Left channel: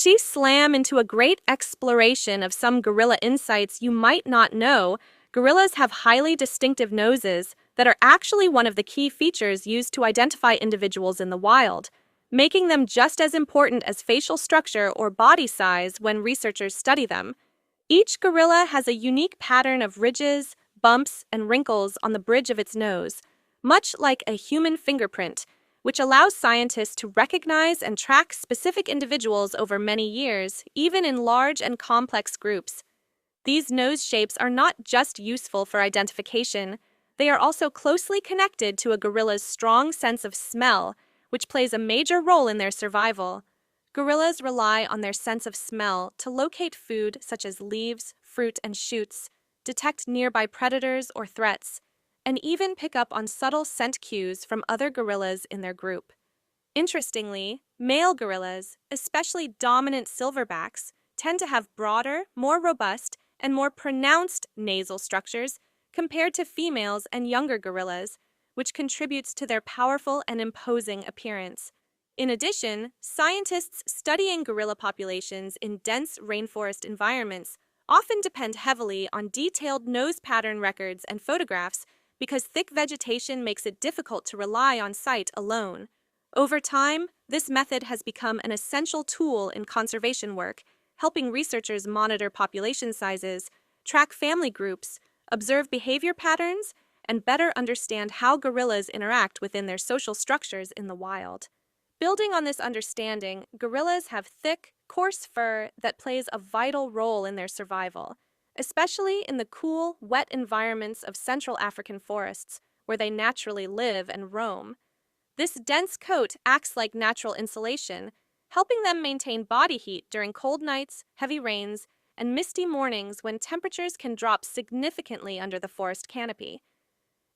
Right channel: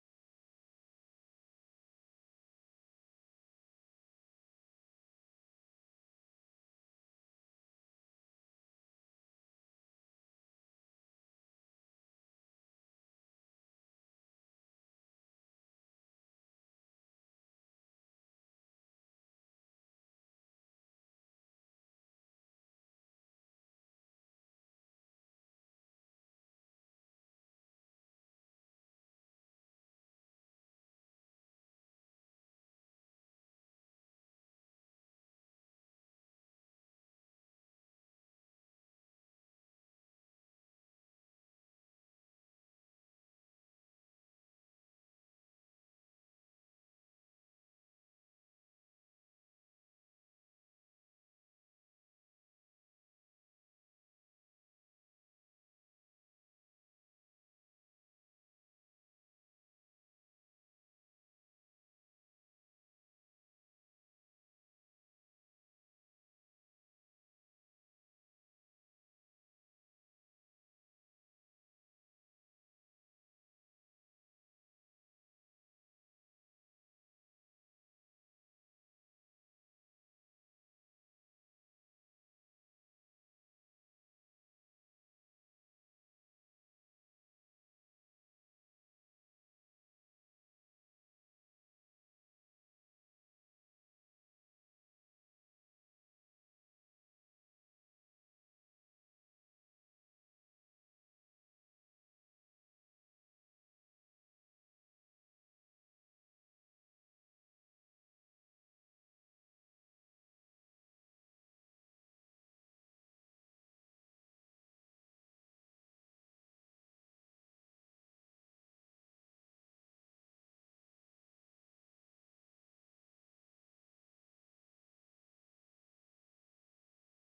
She slam into a great exploration of some gorilla insights you might not know. Gorillas have highly distinctive noses that are actually one of the key features used to identify individuals in the wild, making them just as important as facial structure or body size when researchers study them. Each gorilla has a unique pattern of ridges, bumps, and wrinkles on the bridge of its nose, much like a human fingerprint, which allows scientists to recognize and track specific individuals over many years, even in large and complex groups. These nose shapes are not just useful for identification, they are also closely connected to a gorilla's strong sense of smell, which plays a major role in their survival. Gorillas rely on their sense of smell to locate food such as leaves, fruit, and shoots, detect nearby predators or threats, and even pick up on subtle scent cues from other gorillas in their group. Interestingly, male gorillas, especially dominant silverbacks, tend to have broader, more robust, and more pronounced nasal structures compared to females and younger gorillas, which contributes to their powerful and imposing appearance. In addition, scientists studying gorilla populations in dense rainforest environments often depend heavily on detailed nose pattern records and photographs because thick vegetation makes it difficult to rely on sight alone. Over time, this method has become an essential tool in conservation work, helping researchers monitor population sizes, track family groups, observe behavior patterns, and better understand how gorillas interact within their social structures in the wild. Building on this understanding, gorillas have thick, coarse fur that plays a vital role in their survival, especially in the cool, wet environments of Central African forests, where they naturally live and roam. This dense coat acts like natural insulation, helping them maintain body heat during cold nights, heavy rains, and misty mornings when temperatures can drop significantly under the forest canopy.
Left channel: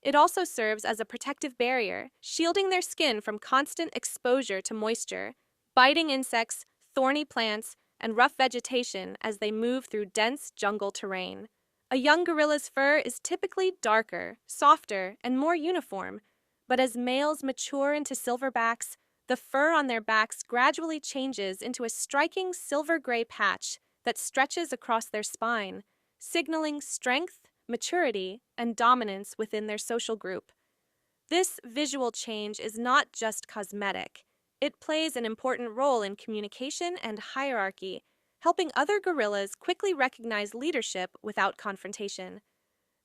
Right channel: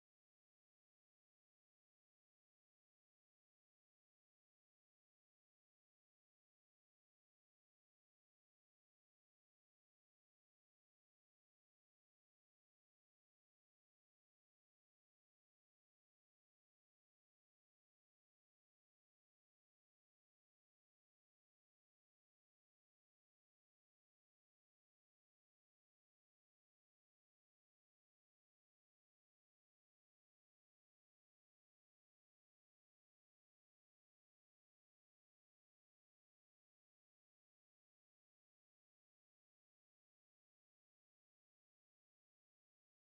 It also serves as a protective barrier, shielding their skin from constant exposure to moisture, biting insects, thorny plants, and rough vegetation as they move through dense jungle terrain. A young gorilla's fur is typically darker, softer, and more uniform, but as males mature into silverbacks, the fur on their backs gradually changes into a striking silver-gray patch that stretches across their spine, signaling strength, maturity, and dominance within their social group. This visual change is not just cosmetic. It plays an important role in communication and hierarchy, helping other gorillas quickly recognize leadership without confrontation.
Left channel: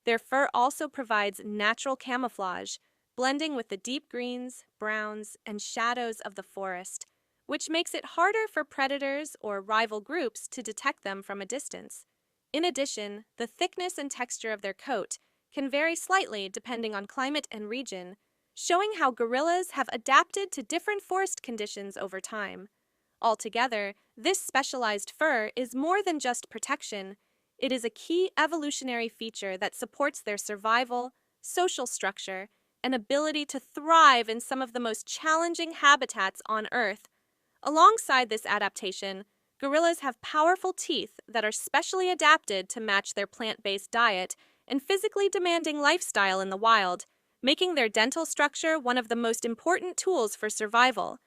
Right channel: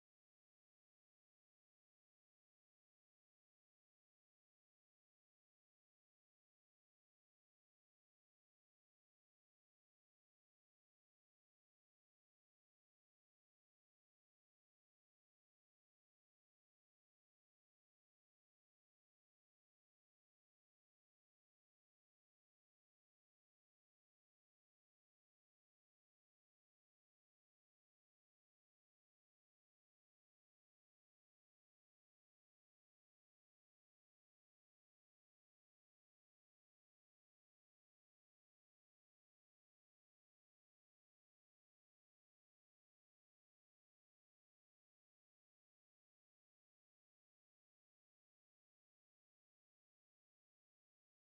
Their fur also provides natural camouflage, blending with the deep greens, browns, and shadows of the forest, which makes it harder for predators or rival groups to detect them from a distance. In addition, the thickness and texture of their coat can vary slightly depending on climate and region, showing how gorillas have adapted to different forest conditions over time. Altogether, this specialized fur is more than just protection. It is a key evolutionary feature that supports their survival, social structure, and ability to thrive in some of the most challenging habitats on Earth. Alongside this adaptation, gorillas have powerful teeth that are specially adapted to match their plant-based diet and physically demanding lifestyle in the wild, making their dental structure one of the most important tools for survival.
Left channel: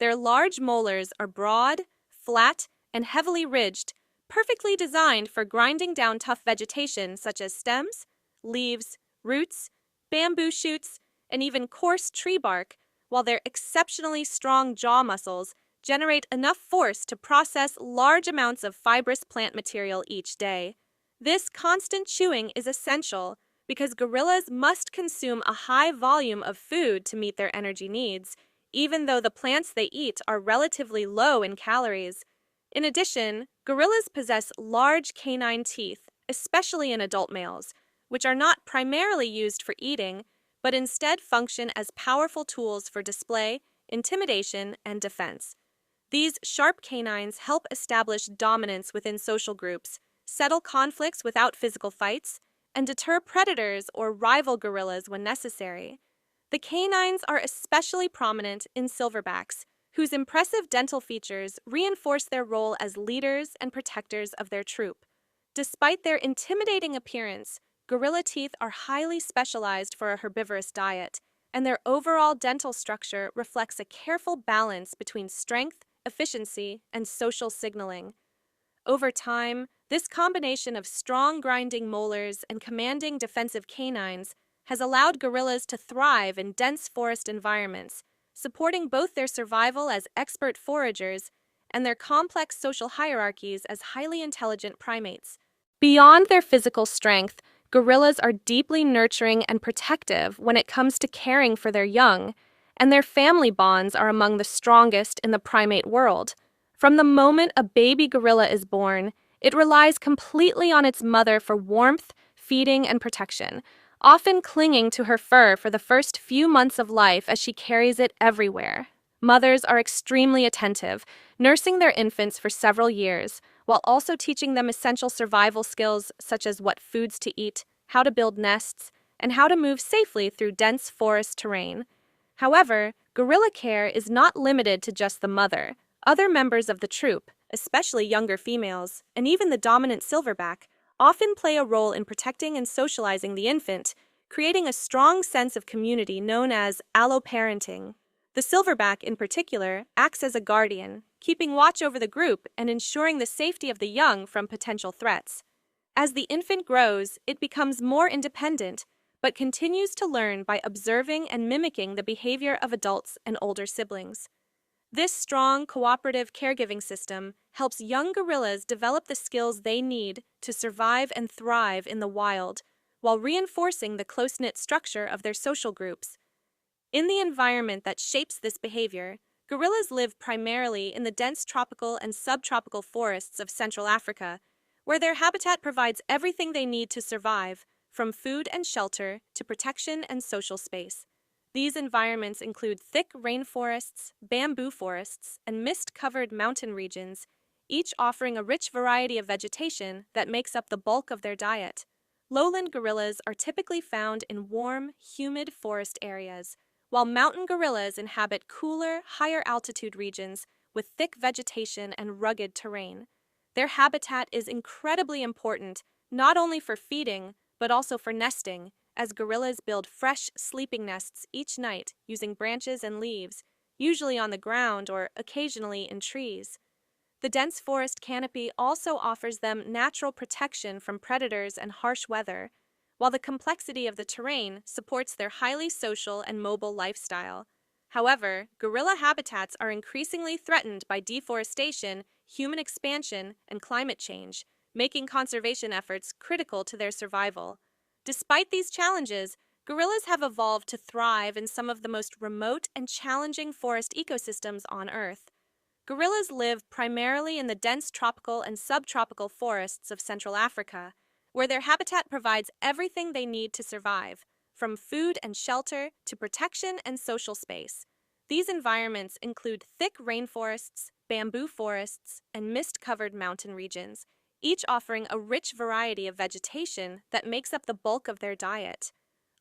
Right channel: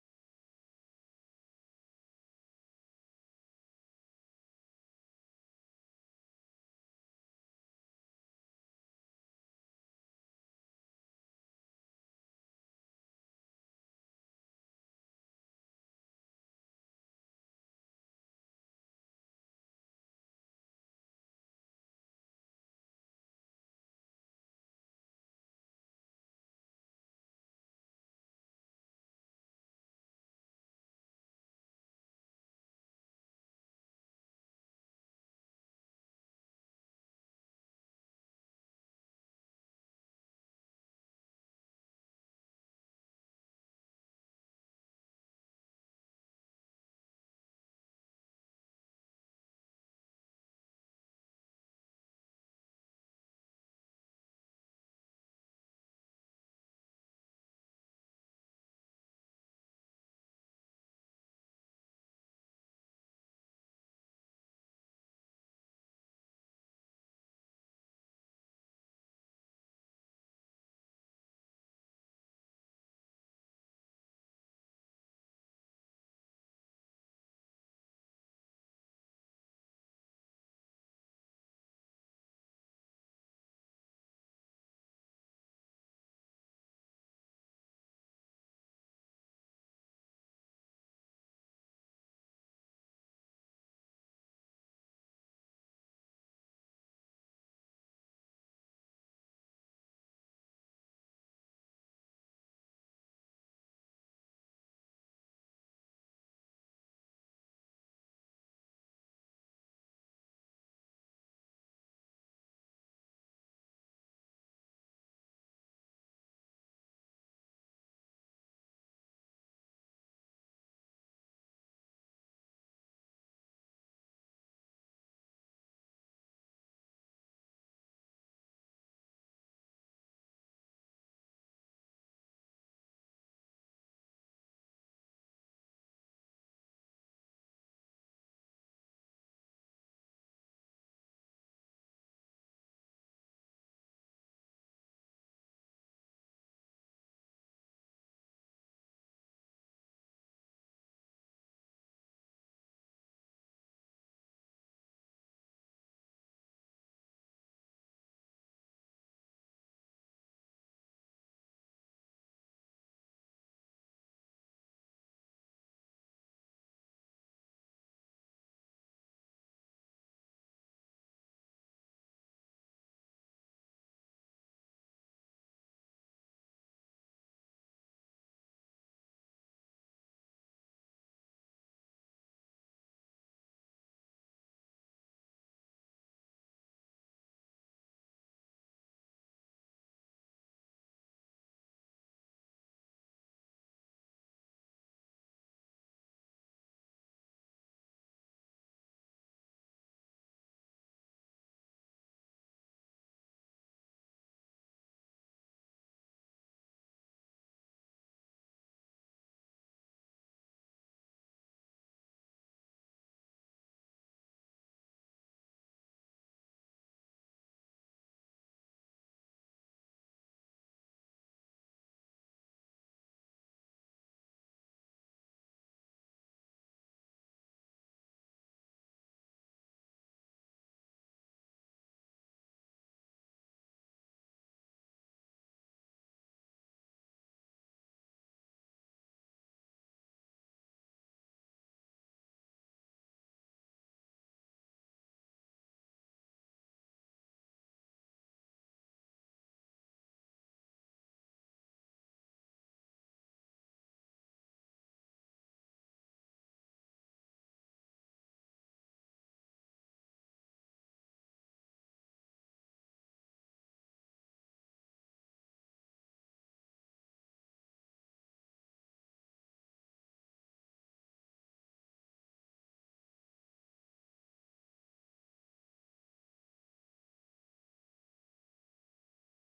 Their large molars are broad, flat, and heavily ridged, perfectly designed for grinding down tough vegetation such as stems, leaves, roots, bamboo shoots, and even coarse tree bark, while their exceptionally strong jaw muscles generate enough force to process large amounts of fibrous plant material each day. This constant chewing is essential because gorillas must consume a high volume of food to meet their energy needs, even though the plants they eat are relatively low in calories. In addition, gorillas possess large canine teeth, especially in adult males, which are not primarily used for eating, but instead function as powerful tools for display, intimidation, and defense. These sharp canines help establish dominance within social groups, settle conflicts without physical fights, and deter predators or rival gorillas when necessary. The canines are especially prominent in silverbacks, whose impressive dental features reinforce their role as leaders and protectors of their troop. Despite their intimidating appearance, gorilla teeth are highly specialized for a herbivorous diet, and their overall dental structure reflects a careful balance between strength, efficiency, and social signaling. Over time, this combination of strong grinding molars and commanding defensive canines has allowed gorillas to thrive in dense forest environments, supporting both their survival as expert foragers and their complex social hierarchies as highly intelligent primates. Beyond their physical strength, gorillas are deeply nurturing and protective when it comes to caring for their young, and their family bonds are among the strongest in the primate world. From the moment a baby gorilla is born, it relies completely on its mother for warmth, feeding, and protection, often clinging to her fur for the first few months of life as she carries it everywhere. Mothers are extremely attentive, nursing their infants for several years, while also teaching them essential survival skills such as what foods to eat, how to build nests, and how to move safely through dense forest terrain. However, gorilla care is not limited to just the mother. Other members of the troop, especially younger females, and even the dominant silverback, often play a role in protecting and socializing the infant, creating a strong sense of community known as alloparenting. The silverback, in particular, acts as a guardian, keeping watch over the group and ensuring the safety of the young from potential threats. As the infant grows, it becomes more independent, but continues to learn by observing and mimicking the behavior of adults and older siblings. This strong, cooperative caregiving system helps young gorillas develop the skills they need to survive and thrive in the wild, while reinforcing the close-knit structure of their social groups. In the environment that shapes this behavior, gorillas live primarily in the dense tropical and subtropical forests of Central Africa, where their habitat provides everything they need to survive, from food and shelter to protection and social space. These environments include thick rainforests, bamboo forests, and mist-covered mountain regions, each offering a rich variety of vegetation that makes up the bulk of their diet. Lowland gorillas are typically found in warm, humid forest areas, while mountain gorillas inhabit cooler, higher-altitude regions with thick vegetation and rugged terrain. Their habitat is incredibly important, not only for feeding, but also for nesting, as gorillas build fresh sleeping nests each night using branches and leaves, usually on the ground or occasionally in trees. The dense forest canopy also offers them natural protection from predators and harsh weather, while the complexity of the terrain supports their highly social and mobile lifestyle. However, gorilla habitats are increasingly threatened by deforestation, human expansion, and climate change, making conservation efforts critical to their survival. Despite these challenges, gorillas have evolved to thrive in some of the most remote and challenging forest ecosystems on Earth. Gorillas live primarily in the dense tropical and subtropical forests of Central Africa, where their habitat provides everything they need to survive, from food and shelter to protection and social space. These environments include thick rainforests, bamboo forests, and mist-covered mountain regions, each offering a rich variety of vegetation that makes up the bulk of their diet.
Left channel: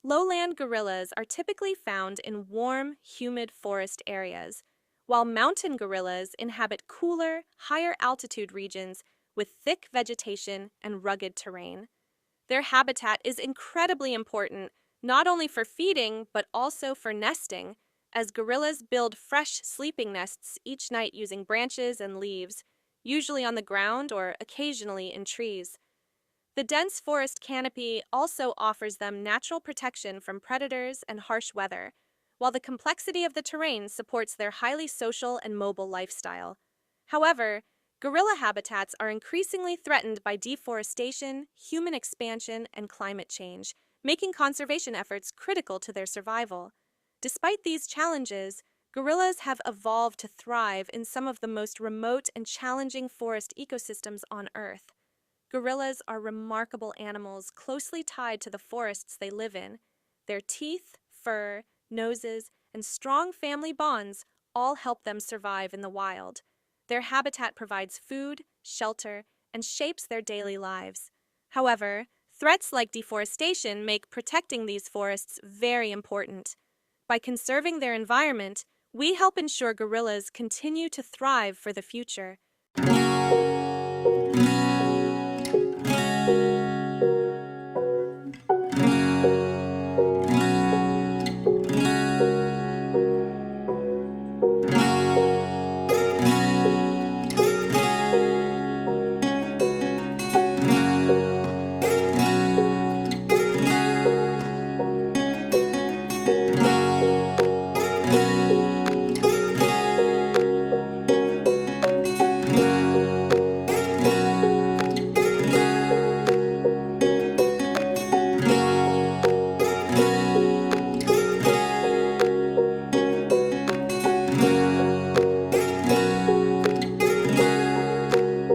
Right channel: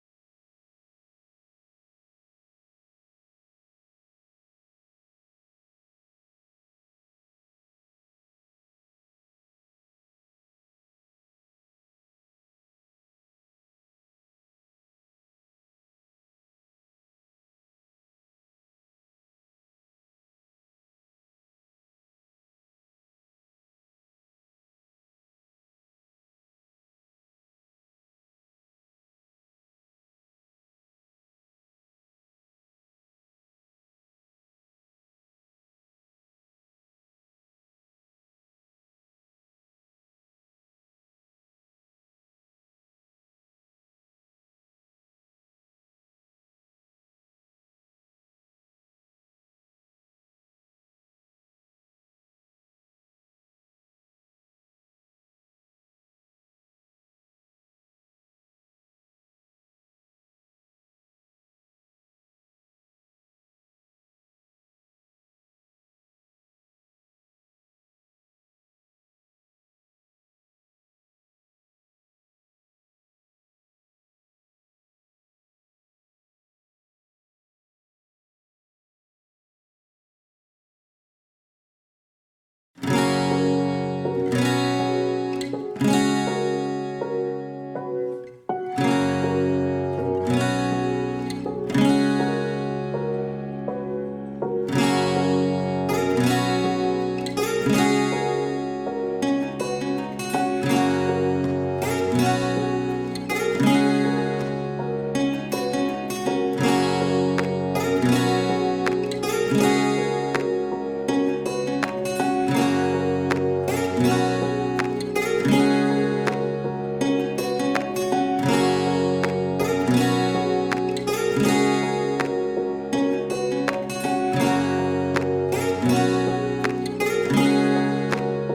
Lowland gorillas are typically found in warm, humid forest areas, while mountain gorillas inhabit cooler, higher-altitude regions with thick vegetation and rugged terrain. Their habitat is incredibly important, not only for feeding but also for nesting, as gorillas build fresh sleeping nests each night using branches and leaves, usually on the ground or occasionally in trees. The dense forest canopy also offers them natural protection from predators and harsh weather, while the complexity of the terrain supports their highly social and mobile lifestyle. However, gorilla habitats are increasingly threatened by deforestation, human expansion, and climate change, making conservation efforts critical to their survival. Despite these challenges, gorillas have evolved to thrive in some of the most remote and challenging forest ecosystems on Earth. Gorillas are remarkable animals closely tied to the forests they live in. Their teeth, fur, noses, and strong family bonds all help them survive in the wild. Their habitat provides food, shelter, and shapes their daily lives. However, threats like deforestation make protecting these forests very important. By conserving their environment, we help ensure gorillas continue to thrive for the future.